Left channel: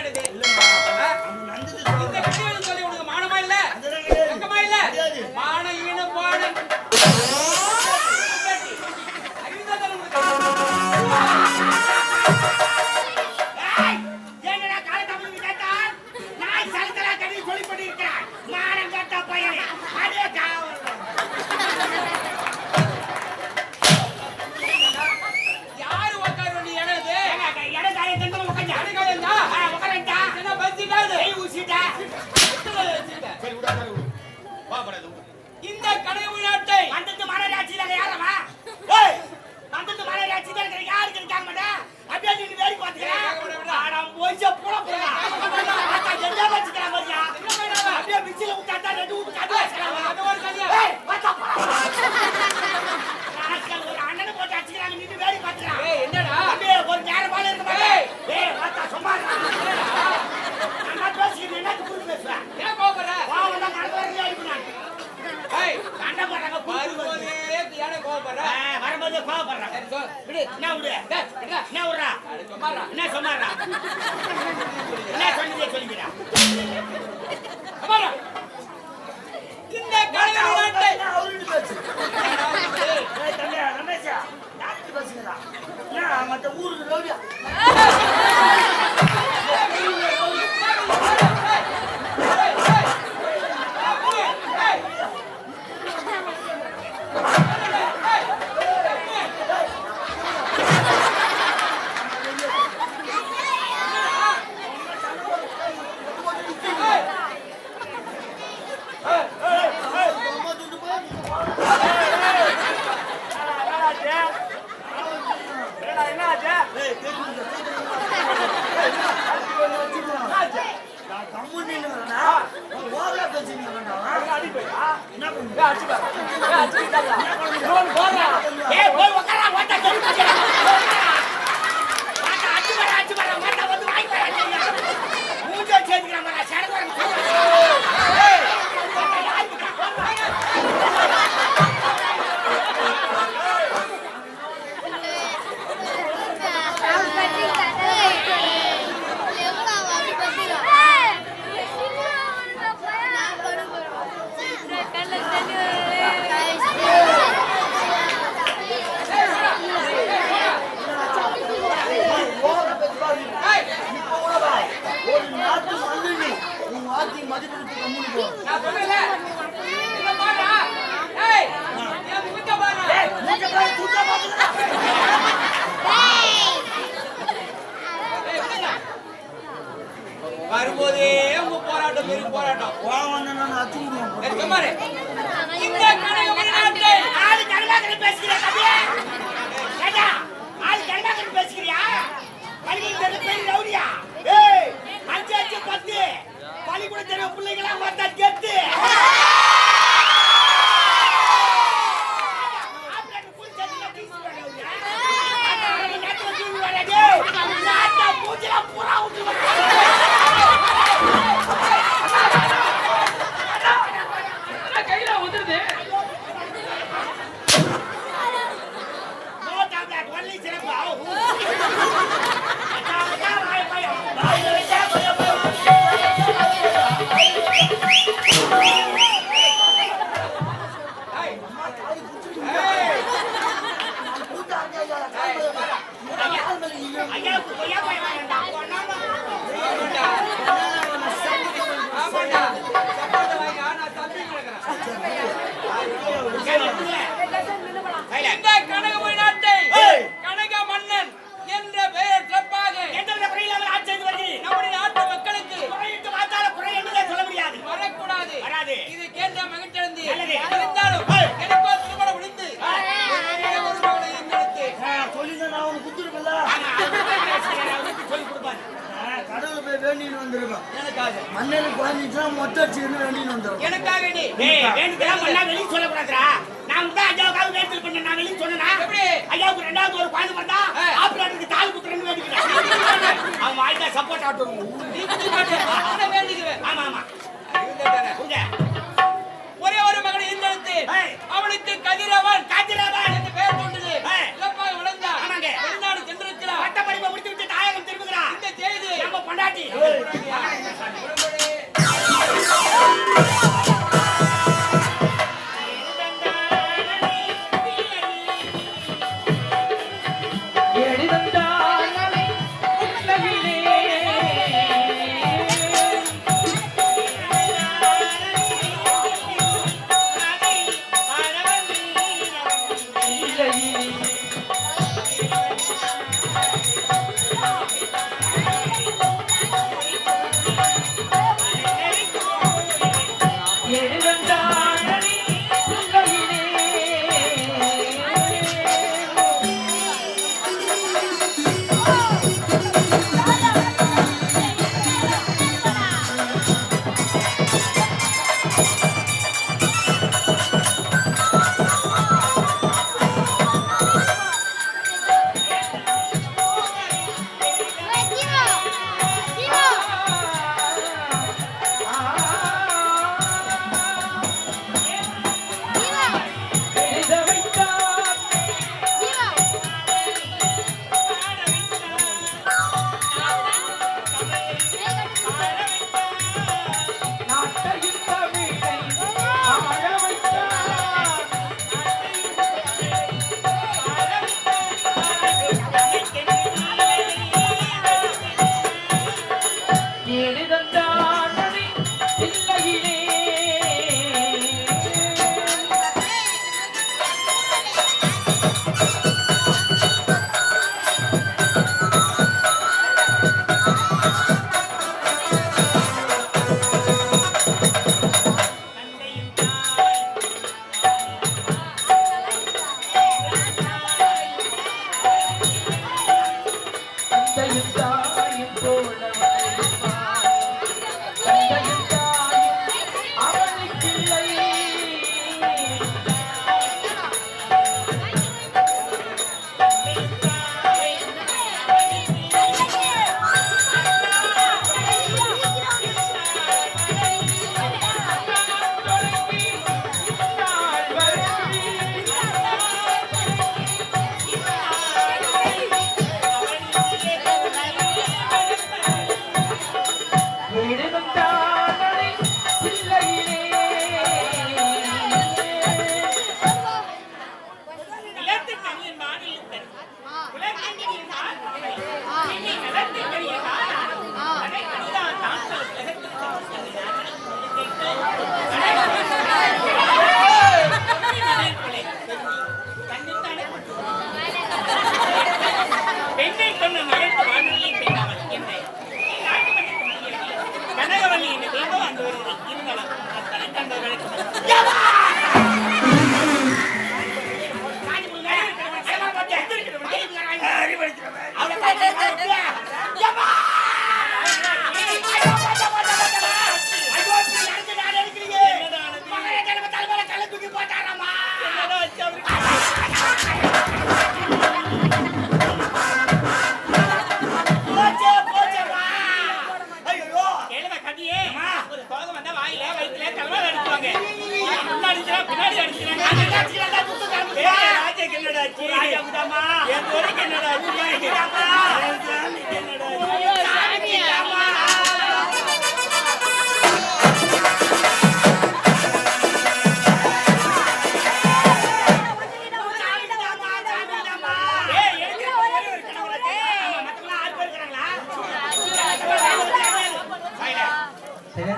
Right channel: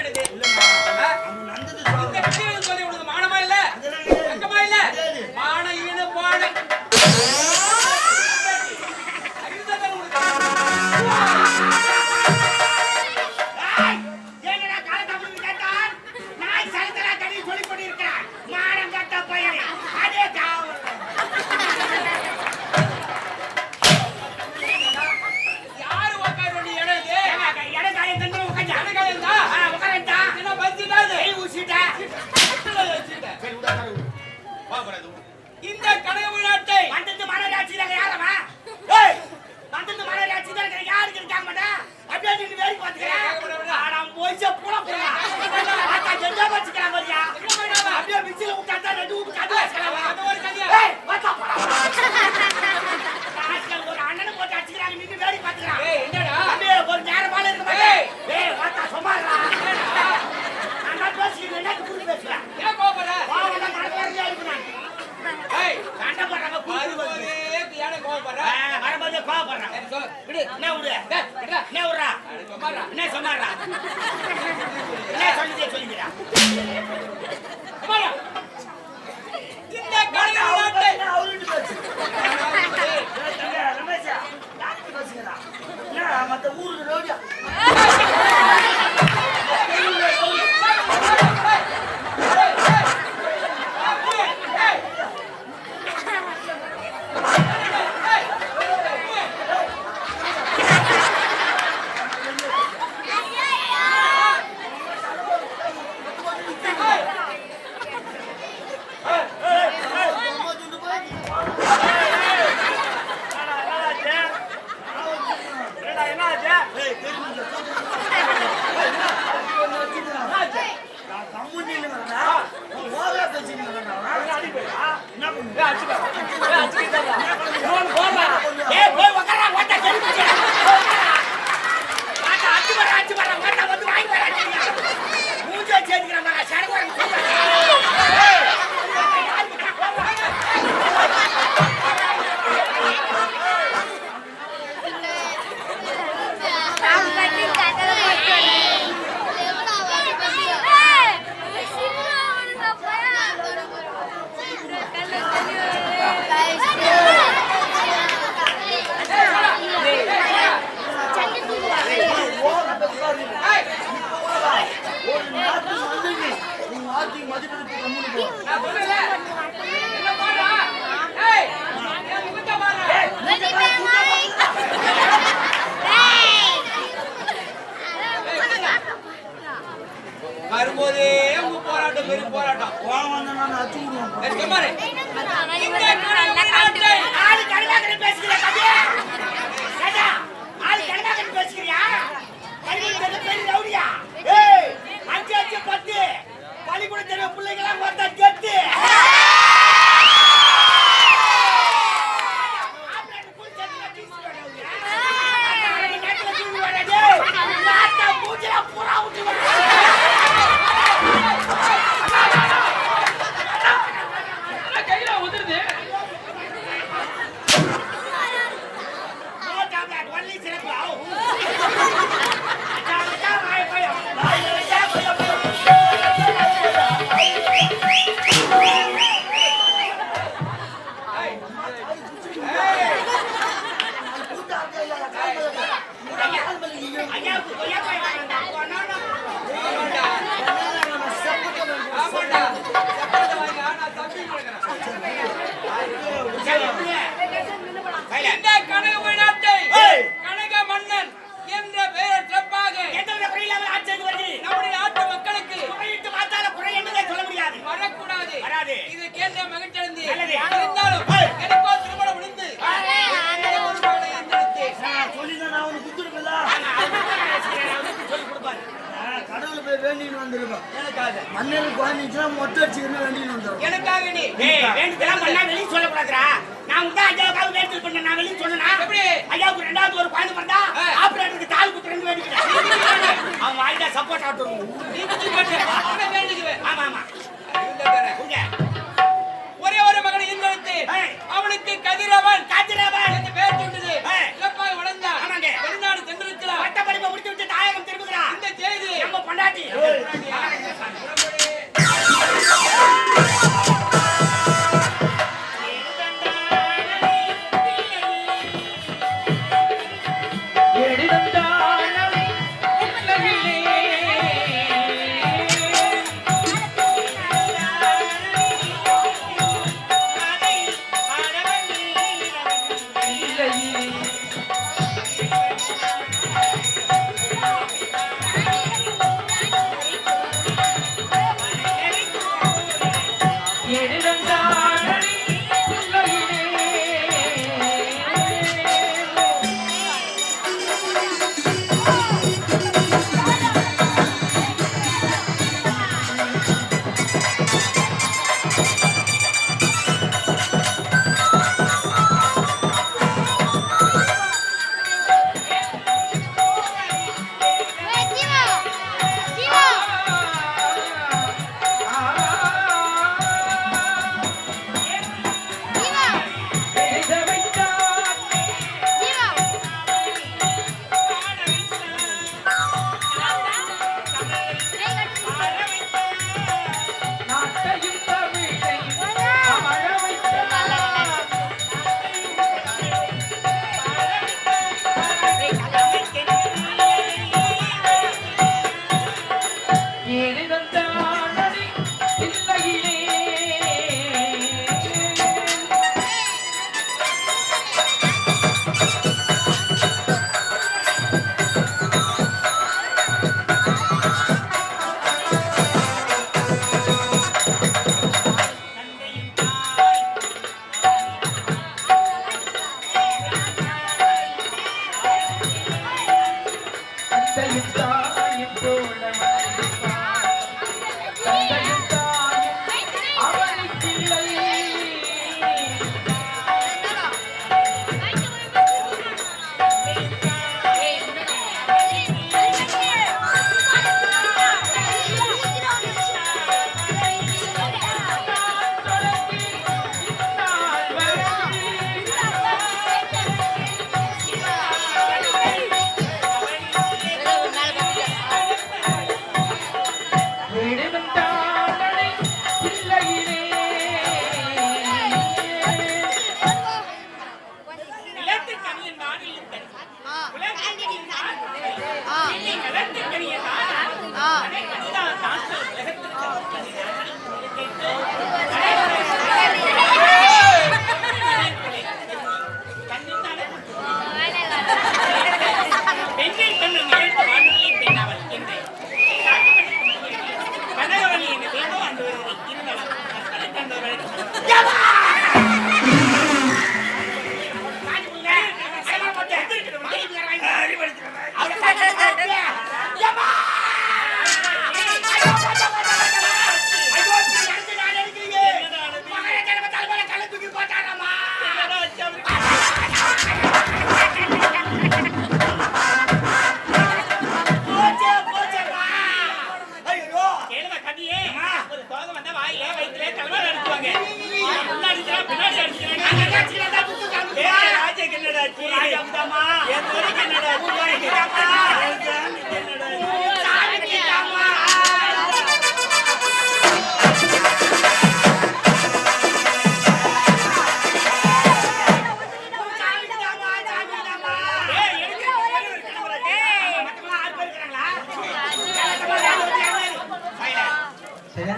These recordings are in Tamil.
என்னது இந்த கதையை சொல்லி உனக்கு மானமா இல்ல வெக்கமா இல்ல மான ஈன பான என்னடா கால தமிழ் கேட்டான் நான் சலத்தலா கதை சொல்லி கொண்டிருக்கிறான் மானம் கட்ட பையனே அதே காவல் யாரு உட்கார நீ இடது இடம் காயம் தந்து உட்காந்து அடகாயம் தான் உட்காரண்டா என்ன பத்திட்டாது கை ஊசிட்டா சரி விடா கரு வா பரது இந்த கனவு நாட்டை வந்தது மனராட்சியில யாரவா ஏய் வந்தது மனராட்சியில யாருக்கு இருக்காங்க மாட்டா அப்படியே நீ வேடிக்கை பாத்துக்க ஆனா போய்ச்ச போட போடா ஆத்தா என்ன வச்சுக்கலாம் பாத்தியா என்ன பண்ணாவ அப்படியே மிச்சில உட்கார்ந்தா ரெண்டு ஊத்து காது வச்சறாங்க அந்த ஒரு கதையா ஏய் வாடா போடா ராஸ்கல் ஒரு அண்ணனை போட்டு அடிச்சுக்கறாங்க நீ வேடிக்கை பாத்துக்க ஏய் என்னடா அப்படியே ஒரு நேரமால இருக்க மாட்டே ஏய் வாடா சும்மாடா நான் பேசிக்கிறேன் என்ன புரிய பேசுறேன் ஏன் கோபப்படுற வா வந்தா மறக்கவே அடிக்குறான் ஏய் சண்டை போடுறாங்க வரும்போதே ஏன் கோபப்படுற வரும்போது கோவப்படுறான் சரி சோ விடு என்ன விடு டேய் விடுடா என்ன விடுறா அட சும்மாடா என்ன சொன்னாரா என்ன சொன்னதே சொல்லிக்கிறா சும்மாடா இந்த கனவு நாட்டை அவரு பேசு ஏய் தங்க ரமேஷா யாருக்கு பேசுறா நான் மத்த ஊருக்கு ரோடியா நான் சொன்னேன்ல என்ன பாடா ஏய் நான் முகத்த பாடா ஏய் விடுங்க வரும்போதே உங்க போராட்டம் பெரிய போராட்டம் சரி சும்மாரு இந்த கனவு நாட்டை ஆளு கனவாக பேசுறியா கதே ராஜா ஆளு கனவாக பேசுறியா பள்ளிக்கூட தெரிய ரவுடியா ஏய் 5 5 10 பள்ளிக்கூட தெரிய பிள்ளைகளா வந்தா கெட்டு ஆப்ரேட் புடி செஞ்சா டீஸ் ரவுடியா அந்த நேரத்துல டீவி வரடே நாட்டா மூஞ்சில புறா ஊத்தி வர கையில வந்துருது நோ டேப்லெட் ஒன்லி சிரப் அச்சா வாய் பையோ வாய் பையோ இந்த கனவு நாட்டை கனக மன்னன் என்ற பெயர் சிறப்பாக நம்முடைய நாட்டு மக்களுக்கு வரக்கூடாது இது கேட்ட மகிழ்ச்சி இருந்தாலும் எனக்கோ திருமணம் முடிந்து ஒரு மகனை கடவுள் போய் வேண்டின்னு வந்திருக்கோம் எனக்காக மன்னனுக்கு குழந்தைக்கு மொட்டை வச்சுக்கணும் வேண்டின்னு வந்தோம் எனக்காக நீ வெளியே சொல்லக்கூடாதுரா நான் வந்து ஐயாவுக்காக வேண்டியது பண்ண நான் வெளியே சொன்னா எப்படி ஐயாவுக்கு 2வது ஒரு குழந்தை வந்தா ஆபரேட்டருக்கு தால் குத்துறேன்னு வேண்டிக்கிறேன் அவன் வாய்க்கா சப்போர்ட் ஆட்டுவோம் நீ குத்தி மாட்டே வேண்டிக்குவேன் ஆமா ஆமா ஒரே ஒரு மகனை இருந்தெடுத்து அவனுக்கு கதிரவன் என்று பெயர் கொண்டது சிறப்பாக வளர்ந்தான் வெளிநாடு சென்றிருக்கிறார் பட்ட படிப்பை முடித்து விட்டு தாயகம் திரும்புகிறான் இந்த செய்தி நம்ம பொண்டாட்டி சாமி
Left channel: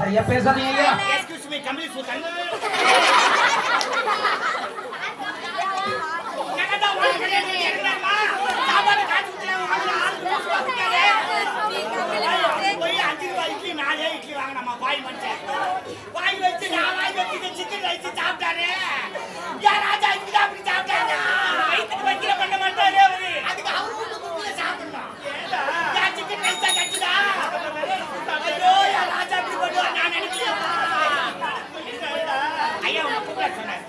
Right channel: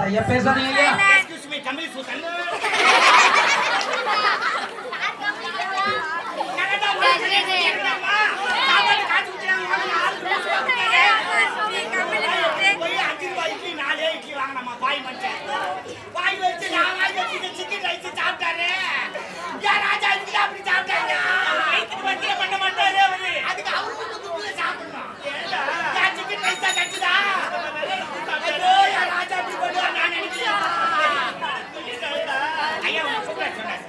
சரியா பேசாதீங்க ஐயா. Excuse me Tamil Suthan. Canada மார்க்கெட்ல இருக்கறமா சாப்பாடு காட்சி ஊத்துறாங்க வாங்க ஆளு போய் 5 ரூபாய் இட்லி 4 இட்லி வாங்குறமா பாய் மனுஷன். பாய் வச்சு நான் வாங்கி வச்சு சிக்கன் ரைஸ் சாப்பிட்டாரே. யார் ராஜா இதுக்கு அப்படி சாப்பிட்டாங்க. வயித்துக்கு வச்சிர பண்ண மாட்டாரே அவரு. அதுக்கு அவர் வீட்டு துப்புல சாப்பிடணும். ஏண்டா? நான் சிக்கன் ரைஸ் கச்சிடா. ஐயோ யார் ராஜா இப்படி பண்ணுவா நான் நினைக்கலையா. ஐயா உங்க கூப்பிட சொன்னார்.